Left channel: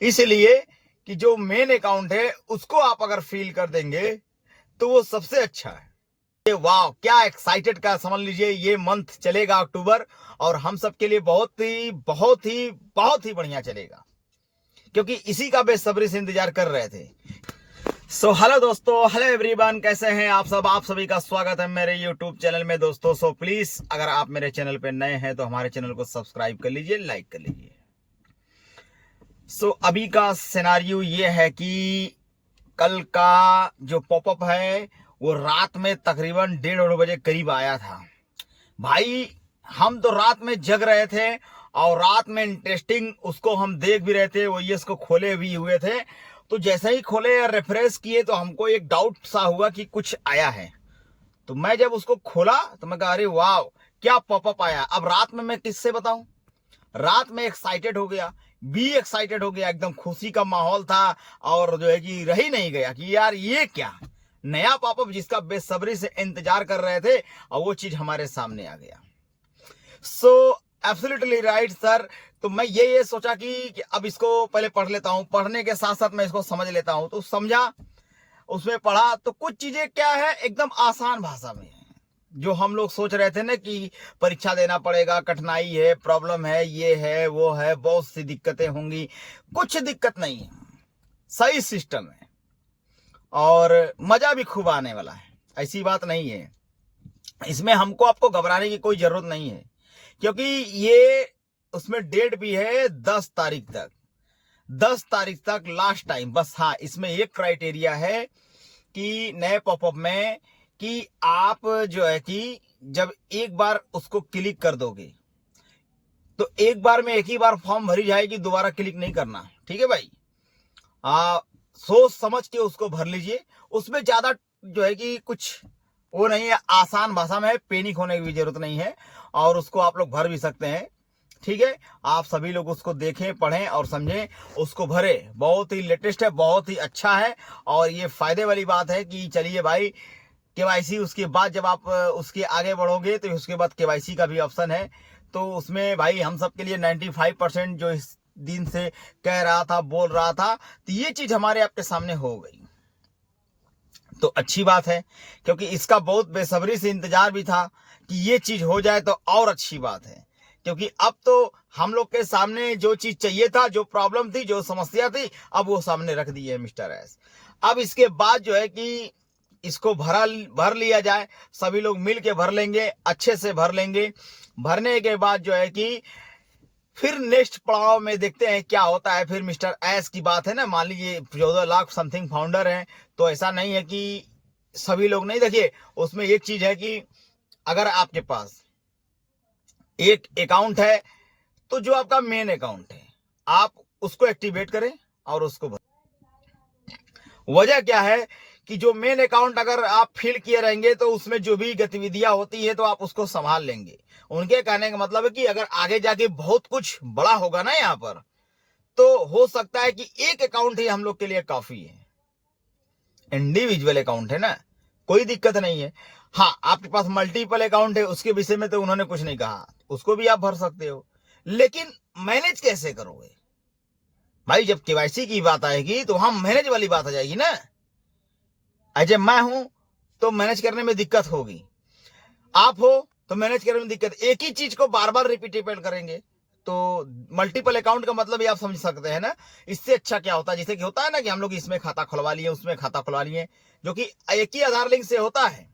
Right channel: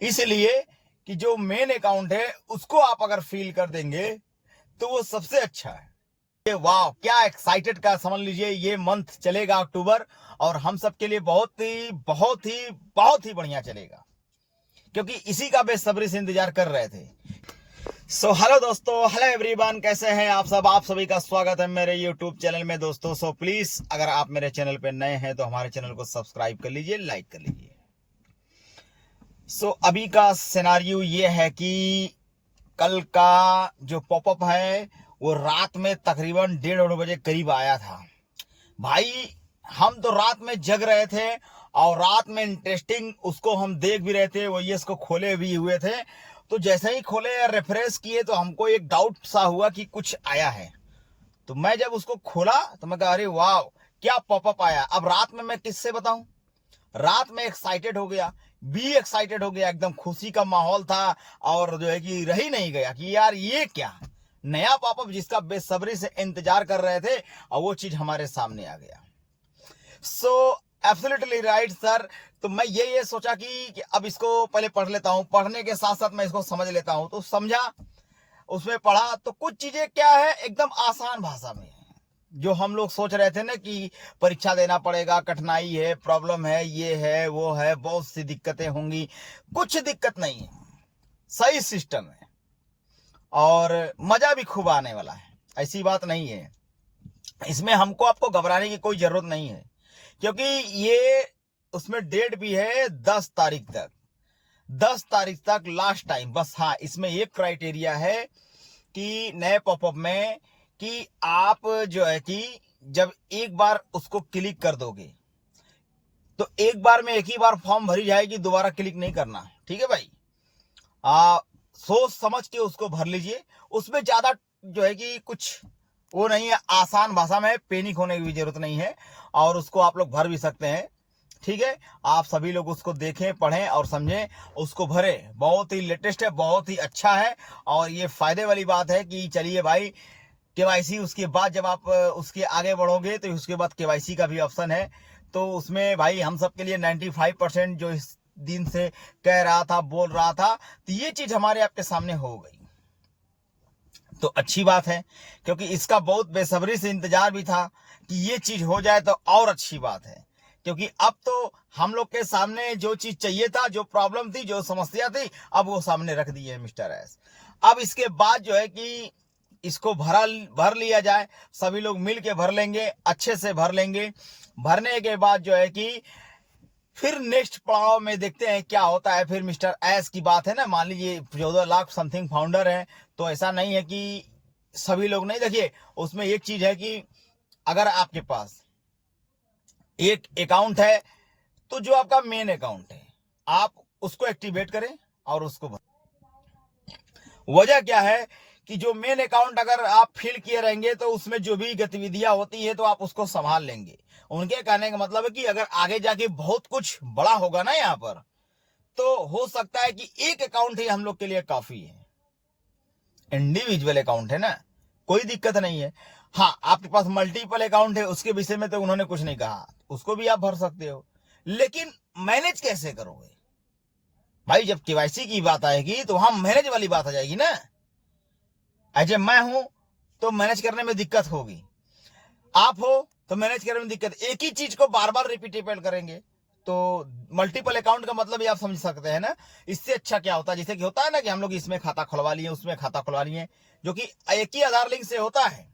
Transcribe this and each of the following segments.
इसलिए कि जो मेन अकाउंट है उसको आप अगर फील कर देंगे तो वो सबसे अच्छा है। ये वाह क्या एक्साइटेड का समझ लीजिए, ये मंथ चलेगा अक्टूबर, और हम सब के लिए बहुत ही बहुत ही बहुत ही बढ़िया चलेगा, क्योंकि इसी का बेसब्री से इंतजार कर रहे थे। हेलो दोस्तों, हेलो एवरीवन, कैसे हैं आप सब? आप सभी का स्वागत है मेरे यूट्यूब चैनल में दोस्तों। प्लीज अगर आप मेरे चैनल पे नए हैं तो हमारे चैनल को सब्सक्राइब कर लीजिए, लाइक कर लीजिए। अभी का सिनारियो ये है कि कल का जो पॉपअप है वो रात में तकरीबन 1:30 बजे करीब आया था। भाई हम तो रात में जग रहे थे और रात में इंटरेस्टिंग उसको हम देख भी रहे थे, वो ये इसको खोले भी हुए थे। तो जैसे ही खोले और रिफ्रेश किए तो हमको एक डाउट सा हुआ कि कुछ आया है। तो मैं जब उसको खोला तो मैं कहा अरे वाह क्या पॉपअप आया। अब रात में मैं किससे बताऊं, रात में एक्साइटेड हो गया, भी एक्साइटेड हो गया, एकदम खुशी का माहौल था। और जो है कि रह ही नहीं गया कि यार ये क्या नया पॉपअप जिसका बेसब्री से इंतजार कर रहे थे और वो चीज हमारे सामने आ गया। Absolutely right sir. तो मैं ये सोचा कि अब इसको पहले पढ़ लेता हूं, पढ़ने के साथ साथ मैं इसको समझ लेता हूं। तो समझा, उसमें पढ़ा तो कुछ चीजें क्या है एकदम आसान भाषा में है। जो हम लोग सोच रहे थे ना कि परीक्षा देना पड़ेगा, कठिनाई है, प्रॉब्लम है, ये है वो है, बहुत सी दिक्कतें होंगी, कुछ दिक्कत नहीं है, सही सिस्टम है और मजा भी खूब आने वाला है। ऐसी बात नहीं है, इसमें हमको आपको घबराने की कोई जरूरत नहीं है, क्योंकि ये उसमें डेट भी है 10 तारीख तक, 10 तारीख तक लास्ट टाइम बस। हाँ, इसमें एक क्राइटेरिया है कि नए पॉपअप में कि आप जो है कि जब एक बार उसको क्लिक कर दोगे तो एक बार में एक ही बार फॉर्म भरी जाएगी, दोबारा क्लिक नहीं करना, ठीक है भाई। सोच समझ के उसको भर लीजिए, उसमें ज्यादा जो है कि कुछ वो नहीं है, आसान भाषा में, पैनिक होने की भी जरूरत नहीं है और उसको आप लोग भर भी सकते हैं, ठीक है। आप सभी लोग उसको देखें, पढ़ें और समझें, उसको भरें। बहुत ही लेटेस्ट है, बहुत ही अच्छा है और ये फायदे वाली बात है कि चलिए भाई केवाईसी, उसके बाद जब आप उसके आगे बढ़ोगे तो उसके बाद केवाईसी का भी ऑप्शन है। तो उसमें भाई हम सब के लिए 95% जो इस दिन से कह रहा था, बोल रहा था, तो ये चीज हमारे आपके सामने हो गई। तो अच्छी बात है, क्योंकि इसका बहुत बेसब्री से इंतजार भी था कि ये चीज हो जाए तो और अच्छी बात है। क्योंकि अब तो हम लोग के सामने जो चीज चाहिए था, जो प्रॉब्लम थी, जो समस्या थी, अब वो सामने रख दी है मिस्टर एस। अब इसके बाद जो है कि इसको भर लिया जाए, सभी लोग मिल के भर लेंगे, अच्छे से भर लेंगे। भरने के बाद जो है कि फिर नेक्स्ट पड़ाव में देखते हैं क्या होता है। फिर मिस्टर एस की बात है ना, मान लीजिए 14 लाख समथिंग फाउंडर हैं, तो ऐसा नहीं है कि सभी लोग नहीं। देखिए उसमें एक चीज है कि अगर आपके पास एक अकाउंट है तो जो आपका मेन अकाउंट है आप उसको एक्टिवेट करें और उसको वजह क्या है कि जो मेन अकाउंट अगर आप फिल किए रहेंगे तो उसमें जो भी गतिविधियां होती है तो आप उसको संभाल लेंगे। उनके कहने का मतलब है कि अगर आगे जाके बहुत कुछ बड़ा होगा ना यहाँ पर, तो हो सकता है कि एक अकाउंट ही हम लोग के लिए काफी है। इंडिविजुअल अकाउंट है ना, कोई दिक्कत नहीं है। हाँ, आपके पास मल्टीपल अकाउंट है उसके विषय में तो उन्होंने कुछ नहीं कहा, उसको भी आप भर सकते हो, लेकिन मैनेज कैसे करोगे भाई? जब केवाईसी की बात आएगी तो वहां मैनेज वाली बात आ जाएगी ना। ऐसे मैं हूं तो मैनेज करने में दिक्कत होगी, आप हो तो मैनेज करने में दिक्कत। एक ही चीज को बार बार रिपीटेबल करेंगे तो मल्टीपल अकाउंट का मतलब भी आप समझ सकते हैं ना। इससे अच्छा क्या होता है, जैसे कि होता है ना कि हम लोग इसमें खाता खुलवा लिए, उसमें खाता खुलवा लिए, जो कि एक ही आधार लिंक से होता है।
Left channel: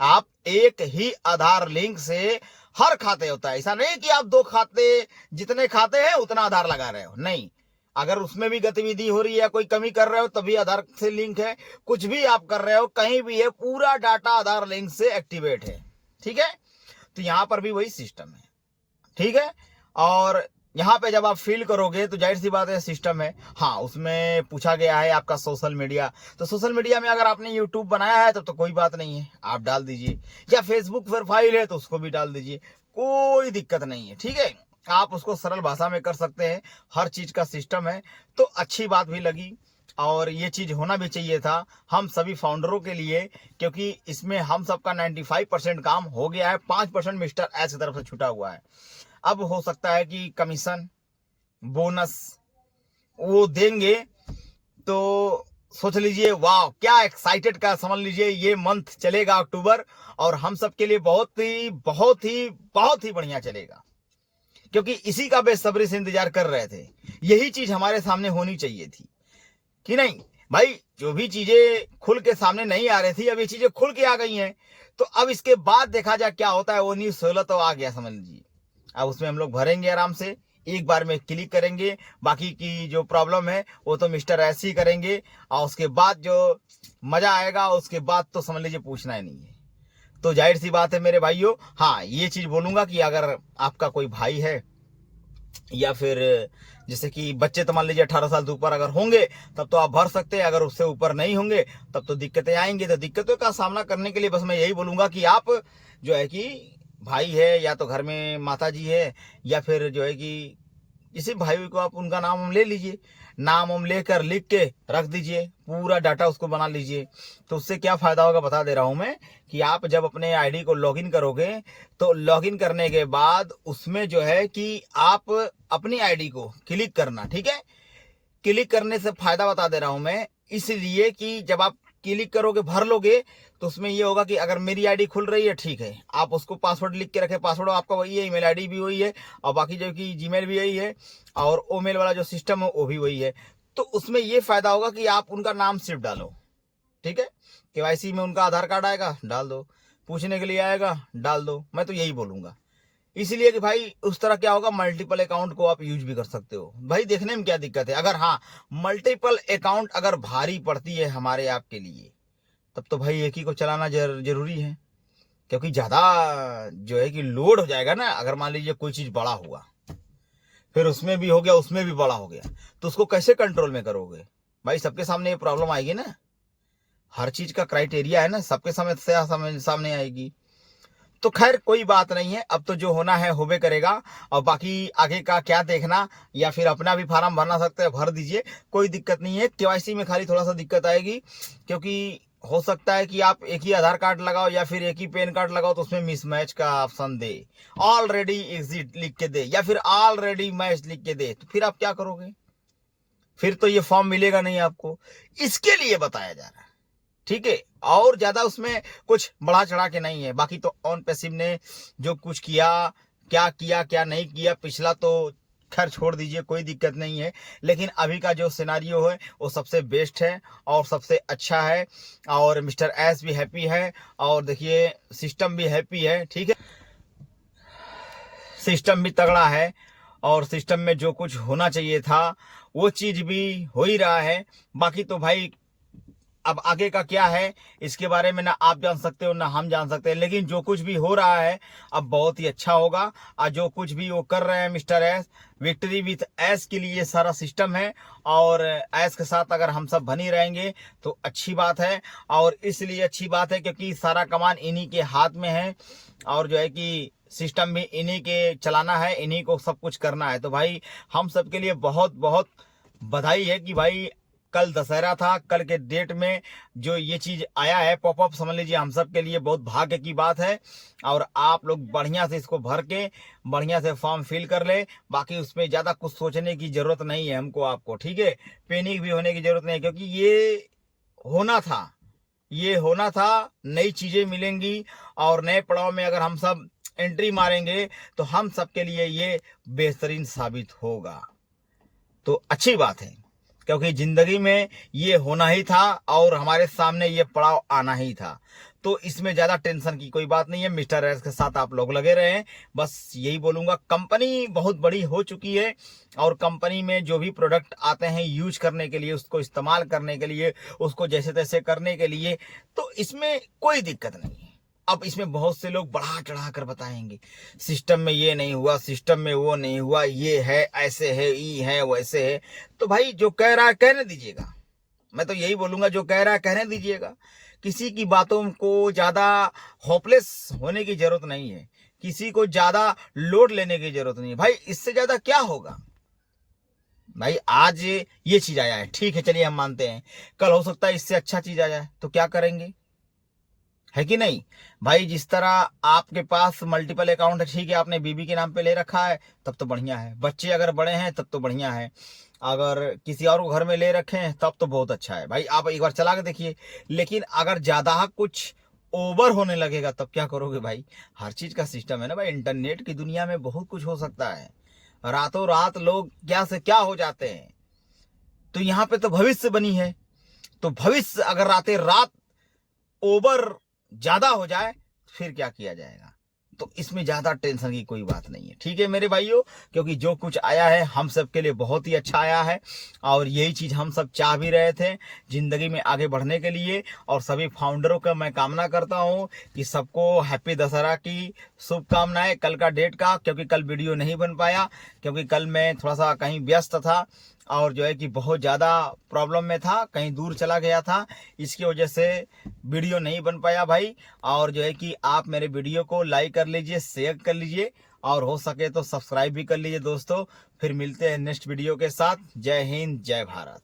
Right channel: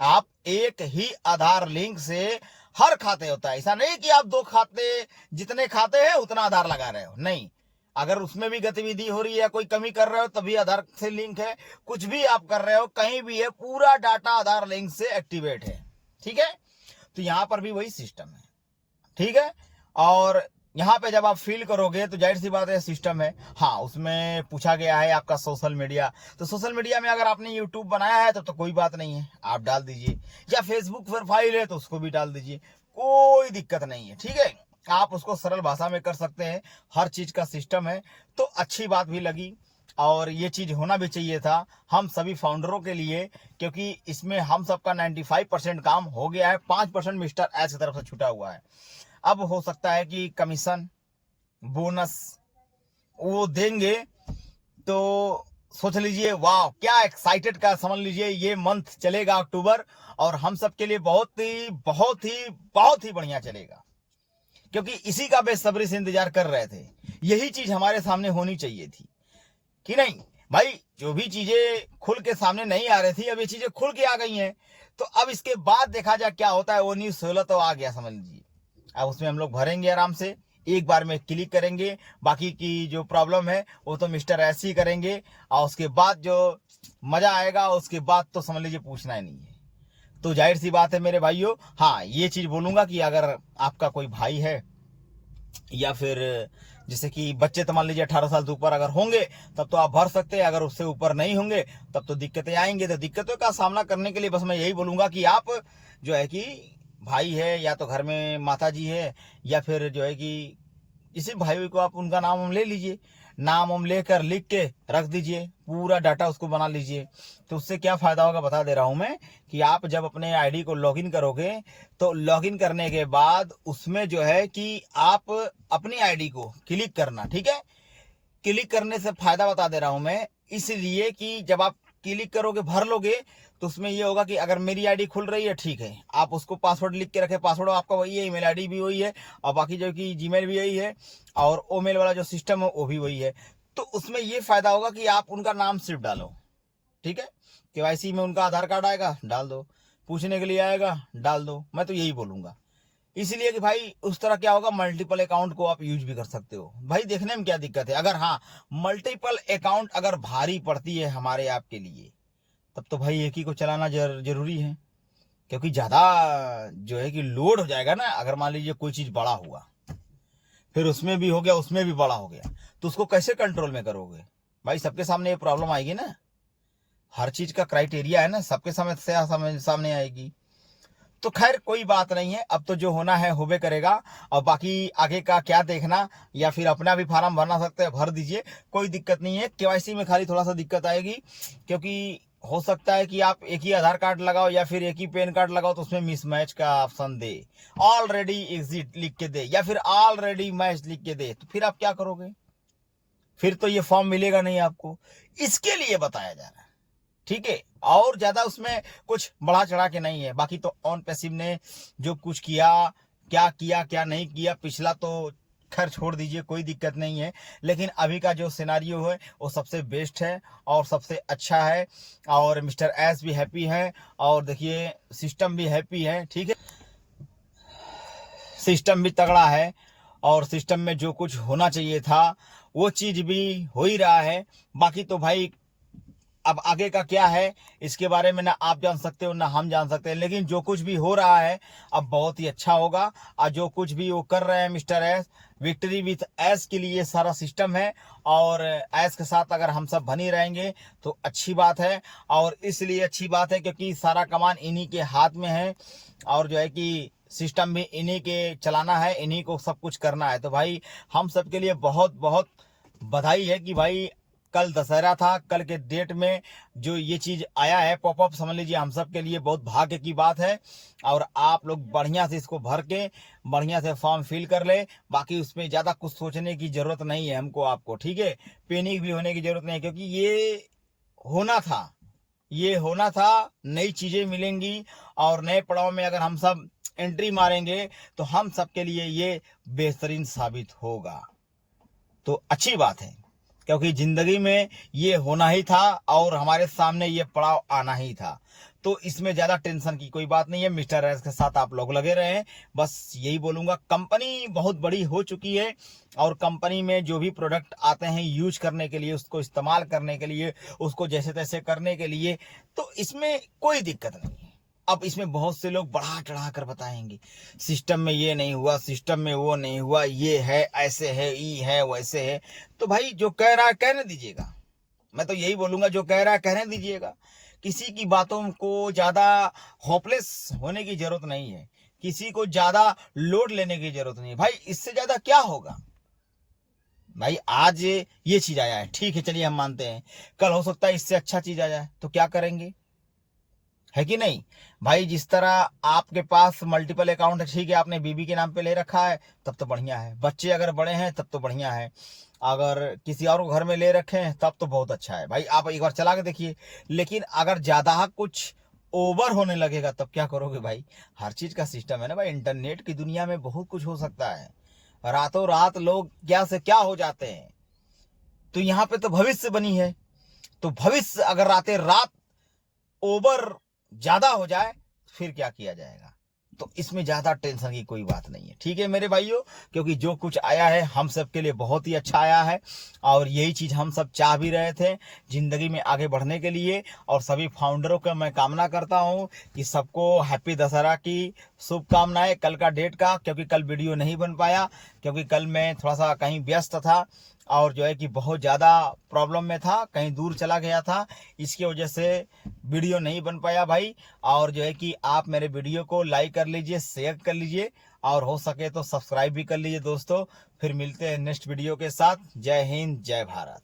आप एक ही आधार लिंक से हर खाते होता है, ऐसा नहीं कि आप दो खाते, जितने खाते हैं उतना आधार लगा रहे हो, नहीं। अगर उसमें भी गतिविधि हो रही है, कोई कमी कर रहे हो तभी आधार से लिंक है, कुछ भी आप कर रहे हो कहीं भी है, पूरा डाटा आधार लिंक से एक्टिवेट है, ठीक है। तो यहां पर भी वही सिस्टम है, ठीक है। और यहाँ पे जब आप फिल करोगे तो जाहिर सी बात है सिस्टम है। हाँ, उसमें पूछा गया है आपका सोशल मीडिया, तो सोशल मीडिया में अगर आपने यूट्यूब बनाया है तब तो कोई बात नहीं है, आप डाल दीजिए, या फेसबुक प्रोफाइल है तो उसको भी डाल दीजिए, कोई दिक्कत नहीं है, ठीक है। आप उसको सरल भाषा में कर सकते हैं, हर चीज का सिस्टम है। तो अच्छी बात भी लगी और ये चीज होना भी चाहिए था हम सभी फाउंडरों के लिए, क्योंकि इसमें हम सबका 95% काम हो गया है, 5% मिस्टर एच की तरफ से छूटा हुआ है। अब हो सकता है कि कमीशन, बोनस, वो देंगे तो सोच लीजिए वाह क्या एक्साइटेड का समझ लीजिए ये मंथ चलेगा अक्टूबर, और हम सब के लिए बहुत ही बहुत ही बहुत ही बढ़िया चलेगा, क्योंकि इसी का बेसब्री से इंतजार कर रहे थे। यही चीज हमारे सामने होनी चाहिए थी कि नहीं भाई। जो भी चीजें खुल के सामने नहीं आ रही थी, अब ये चीजें खुल के आ गई हैं, तो अब इसके बाद देखा जाए क्या होता है। वो न्यूज 16 तो आ गया समझ लीजिए, अब उसमें हम लोग भरेंगे आराम से, एक बार में क्लिक करेंगे, बाकी की जो प्रॉब्लम है वो तो मिस्टर ऐसे ही करेंगे, और उसके बाद जो मजा आएगा उसके बाद तो समझ लीजिए पूछना ही नहीं है। तो जाहिर सी बात है मेरे भाइयों, हाँ ये चीज बोलूंगा कि अगर आपका कोई भाई है या फिर जैसे कि बच्चे तो मान लीजिए 18 साल से ऊपर अगर होंगे तब तो आप भर सकते हैं, अगर उससे ऊपर नहीं होंगे तब तो दिक्कतें आएंगी। तो दिक्कतों का सामना करने के लिए बस मैं यही बोलूंगा कि आप जो है कि भाई है या तो घर में माता जी है या फिर जो है कि किसी भाई को आप उनका नाम हम ले लीजिए, नाम हम लेकर लिख के रख दीजिए, पूरा डाटा उसको बना लीजिए। तो उससे क्या फायदा होगा बता दे रहा हूं मैं, कि आप जब अपने आईडी को लॉगिन करोगे तो लॉगिन करने के बाद उसमें जो है कि आप अपनी आईडी को क्लिक करना, ठीक है। क्लिक करने से फायदा बता दे रहा हूं मैं, इसलिए कि जब आप क्लिक करोगे भर लोगे तो उसमें ये होगा कि अगर मेरी आईडी खुल रही है ठीक है, आप उसको पासवर्ड लिख के रखें, पासवर्ड आपका वही है, ईमेल आईडी भी वही है, और बाकी जो कि जीमेल भी यही है, और ओमेल वाला जो सिस्टम है वो भी वही है। तो उसमें ये फायदा होगा कि आप उनका नाम सिर्फ डालो, ठीक है। केवाईसी में उनका आधार कार्ड आएगा, डाल दो, पूछने के लिए आएगा, डाल दो। मैं तो यही बोलूंगा, इसलिए कि भाई उस तरह क्या होगा, मल्टीपल अकाउंट को आप यूज भी कर सकते हो। भाई देखने में क्या दिक्कत है, अगर हाँ मल्टीपल अकाउंट अगर भारी पड़ती है हमारे आपके लिए, तब तो भाई एक ही को चलाना जरूरी है, क्योंकि ज्यादा जो है कि लोड हो जाएगा ना। अगर मान लीजिए कोई चीज बड़ा हुआ, फिर उसमें भी हो गया, उसमें भी बड़ा हो गया, तो उसको कैसे कंट्रोल में करोगे भाई। सबके सामने ये प्रॉब्लम आएगी ना, हर चीज का क्राइटेरिया है ना, सबके सामने आएगी। तो खैर कोई बात नहीं है, अब तो जो होना है होबे करेगा, और बाकी आगे का क्या देखना, या फिर अपना भी फार्म भरना सकते हैं, भर दीजिए, कोई दिक्कत नहीं है। केवाईसी में खाली थोड़ा सा दिक्कत आएगी, क्योंकि हो सकता है कि आप एक ही आधार कार्ड लगाओ या फिर एक ही पैन कार्ड लगाओ तो उसमें मिसमैच का ऑप्शन दे, ऑलरेडी एग्जिट लिख के दे या फिर ऑलरेडी मैच लिख के दे, तो फिर आप क्या करोगे, फिर तो ये फॉर्म मिलेगा नहीं आपको। इसके लिए बताया जा रहा है, ठीक है। और ज्यादा उसमें कुछ बढ़ा चढ़ा के नहीं है। बाकी तो ऑन पैसिव ने जो कुछ किया, क्या किया क्या नहीं किया पिछला तो खैर छोड़ दीजिए, कोई दिक्कत नहीं है। लेकिन अभी का जो सिनारियो है वो सबसे बेस्ट है और सबसे अच्छा है, और मिस्टर एस भी हैप्पी है, और देखिए सिस्टम भी हैप्पी है, ठीक है। सिस्टम भी तगड़ा है, और सिस्टम में जो कुछ होना चाहिए था वो चीज भी हो ही रहा है। बाकी तो भाई अब आगे का क्या है इसके बारे में ना आप जान सकते हो ना हम जान सकते हैं, लेकिन जो कुछ भी हो रहा है अब बहुत ही अच्छा होगा। और जो कुछ भी वो कर रहे हैं mister S, victory with S के लिए सारा सिस्टम है, और एस के साथ अगर हम सब बनी रहेंगे तो अच्छी बात है। और इसलिए अच्छी बात है क्योंकि सारा कमान इन्हीं के हाथ में है, और जो है कि सिस्टम भी इन्हीं के चलाना है, इन्हीं को सब कुछ करना है। तो भाई हम सब के लिए बहुत बहुत बधाई है कि भाई कल दशहरा था, कल के डेट में जो ये चीज आया है पॉपअप, समझ लीजिए हम सब के लिए बहुत भाग्य की बात है। और आप लोग बढ़िया से इसको भर के बढ़िया से फॉर्म फिल कर ले, बाकी उसमें ज्यादा कुछ सोचने की जरूरत नहीं है हमको आपको, ठीक है। पैनिक भी होने की जरूरत नहीं है, क्योंकि होना था ये होना था। नई चीजें मिलेंगी, और नए पड़ाव में अगर हम सब एंट्री मारेंगे तो हम सब के लिए ये बेहतरीन साबित होगा। तो अच्छी बात है, क्योंकि जिंदगी में ये होना ही था और हमारे सामने ये पड़ाव आना ही था। तो इसमें ज्यादा टेंशन की कोई बात नहीं है। मिस्टर एस के साथ आप लोग लगे रहे हैं, बस यही बोलूंगा। कंपनी बहुत बड़ी हो चुकी है, और कंपनी में जो भी प्रोडक्ट आते हैं यूज करने के लिए, उसको इस्तेमाल करने के लिए, उसको जैसे तैसे करने के लिए, तो इसमें कोई दिक्कत नहीं है। अब इसमें बहुत से लोग बढ़ा चढ़ा कर बताएंगे, सिस्टम में ये नहीं हुआ, सिस्टम में वो नहीं हुआ, ये है ऐसे है, ई है वैसे है। तो भाई जो कह रहा है कहने दीजिएगा, मैं तो यही बोलूंगा, जो कह रहा है कहने दीजिएगा। किसी की बातों को ज्यादा होपलेस होने की जरूरत नहीं है, किसी को ज्यादा लोड लेने की जरूरत नहीं है। भाई इससे ज्यादा क्या होगा भाई, आज ये चीज आया है, ठीक है चलिए हम मानते हैं, कल हो सकता है इससे अच्छा चीज आ जाए, तो क्या करेंगे, है कि नहीं भाई। जिस तरह आपके पास मल्टीपल अकाउंट है, ठीक है, आपने बीबी के नाम पे ले रखा है तब तो बढ़िया है, बच्चे अगर बड़े हैं तब तो बढ़िया है, अगर किसी और को घर में ले रखे हैं तब तो बहुत अच्छा है भाई, आप एक बार चला के देखिए। लेकिन अगर ज़्यादा कुछ ओवर होने लगेगा तब क्या करोगे भाई? हर चीज़ का सिस्टम है ना भाई, इंटरनेट की दुनिया में बहुत कुछ हो सकता है। रातों रात लोग क्या से क्या हो जाते हैं। तो यहाँ पे तो भविष्य बनी है, तो भविष्य अगर रातें रात ओवर ज़्यादा हो जाए फिर क्या किया जाएगा? तो इसमें ज़्यादा टेंशन की कोई बात नहीं है, ठीक है मेरे भाइयों, क्योंकि जो कुछ आया है हम सब के लिए बहुत ही अच्छा आया है और यही चीज़ हम सब चाह भी रहे थे ज़िंदगी में आगे बढ़ने के लिए। और सभी फाउंडरों का मैं कामना करता हूँ कि सबको हैप्पी दशहरा की शुभकामनाएं कल का डेट का, क्योंकि कल वीडियो नहीं बन पाया, क्योंकि कल मैं थोड़ा सा कहीं व्यस्त था और जो है कि बहुत ज़्यादा प्रॉब्लम में था, कहीं दूर चला गया था, इसकी वजह से वीडियो नहीं बन पाया भाई। और जो है कि आप मेरे वीडियो को लाइक कर लीजिए, शेयर कर लीजिए और हो सके तो सब्सक्राइब भी कर लीजिए दोस्तों। फिर मिलते हैं नेक्स्ट वीडियो के साथ। जय हिंद, जय भारत।